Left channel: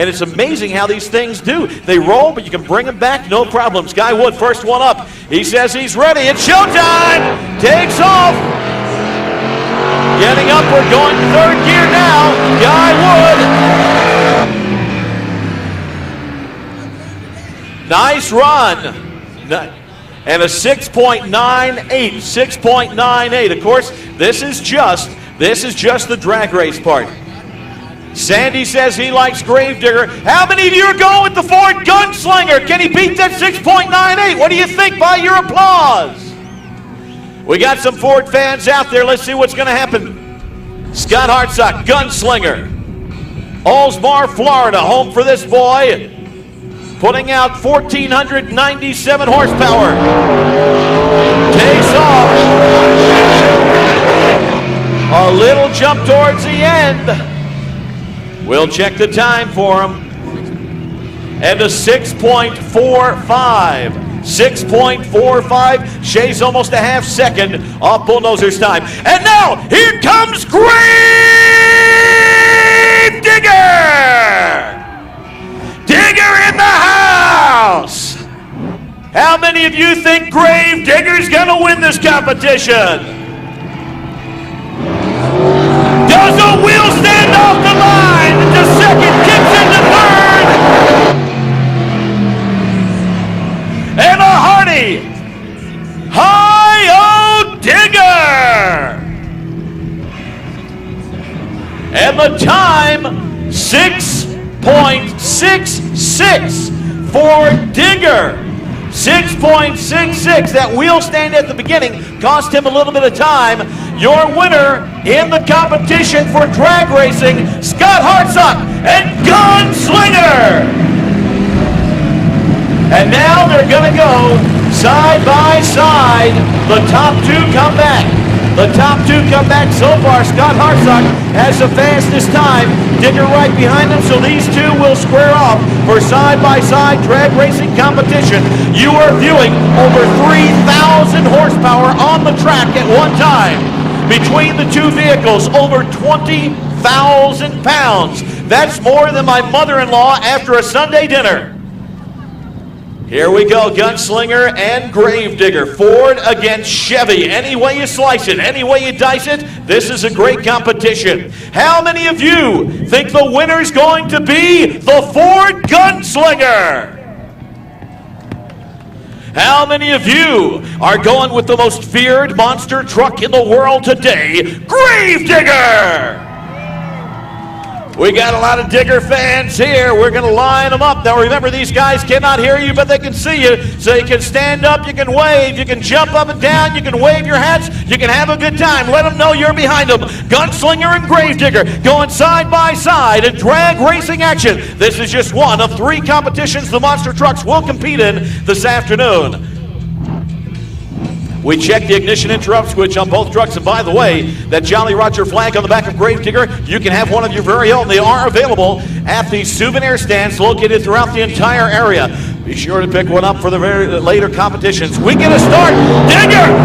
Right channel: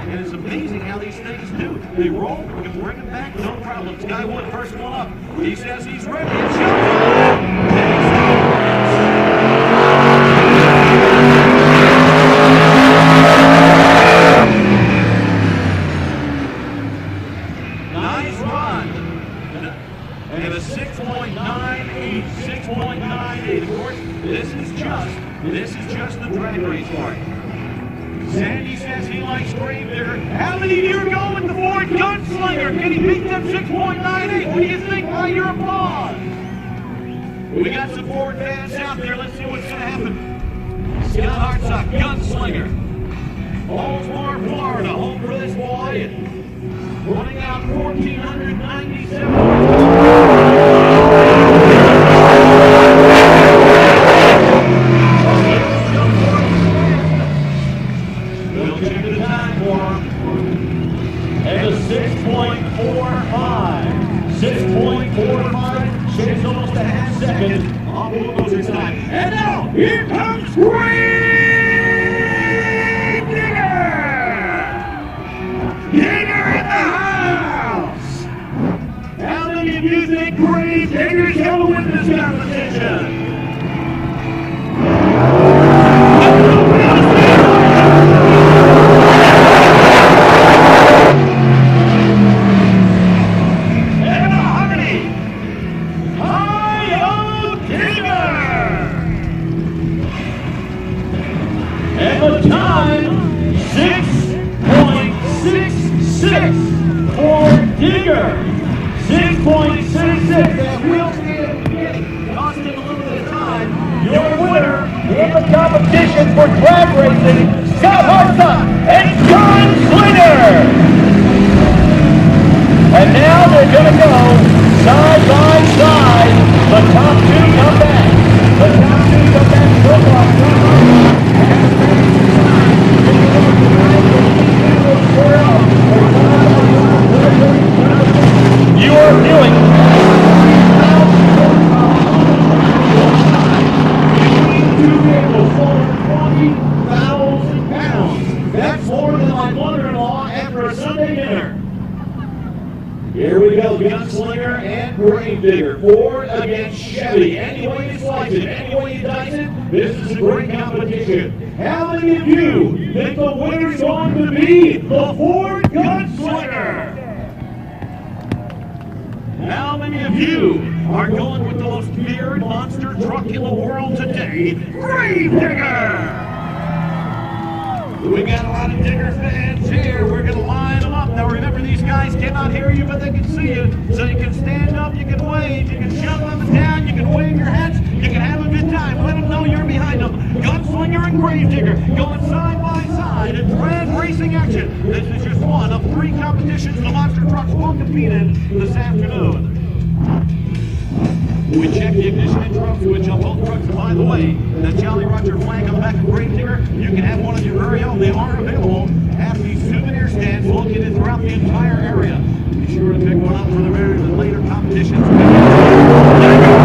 and it's amazing how these things do. They roll, but you can bring them back, no problem. Sky Wood, first one up. He says he's ready. It's showtime. Takes off. Getting up, we're going third gear now. Sky Wood. Nice run. And a 6.98, 6.98. Of course, this is just the drag race part. Sandy says he likes Gravedigger. How many of you are going with the Ford Gunslinger? Can he beat that 6.98? What do you think by your applause? We got some Ford fans out there. Let's see what's going to happen. Scott Hartsock, Gunslinger. Allsbar, Florida, home for this boy. Putting out 1,497 horsepower. Takes off. A little jump towards the end. We'll check the time for him. And a 6.45. 6.45. Shay's almost a half second off Bulldozer's time. And now, here comes Gravedigger! Digger in the house! How many of you think Gravedigger's gonna win this competition? Does the wheel stand off the line? The second gets in the third! And a hearty Hi-Yo Digger! And the time, 6.66 for Digger. 6.66. That wheel stand at the beginning cost him a little bit of time. Your winner in the competition for drag racing, Scott Hartsock and Gunslinger. And now they're going to go side by side. The top two come back. The top two come back. So far, Scott Hartsock has the fastest time. Digger right behind him, so these two will square off for side-by-side drag racing competition. You are viewing over 3,000 horsepower on the track at one time. Between the two vehicles, over 20,000 pounds. That's more than my mother-in-law after a Sunday dinner. Here we go, Gunslinger and Gravedigger. Ford against Chevy. Any way you slice it, any way you dice it, this is a great competition. How many of you think the winner's going to be the Ford Gunslinger? How many of you are going with the most feared monster truck in the world today, Gravedigger? We got a lot of Digger fans here. We're going to line them up. Now remember, these guys cannot hear you, but they can see you. So you can stand up, you can wave, you can jump up and down, you can wave your hats, you can have a good time. Let them know you're behind them. Gunslinger and Gravedigger going side by side in drag racing action. This is just one of three competitions the monster trucks will compete in this afternoon. We check the ignition interrupt switch on both trucks, and by the way, that Jolly Roger flag on the back of Gravedigger, you can have one of your very own. They are available at the souvenir stands located throughout the entire area. Be sure to pick one up for the very later competitions. We get a start. Digger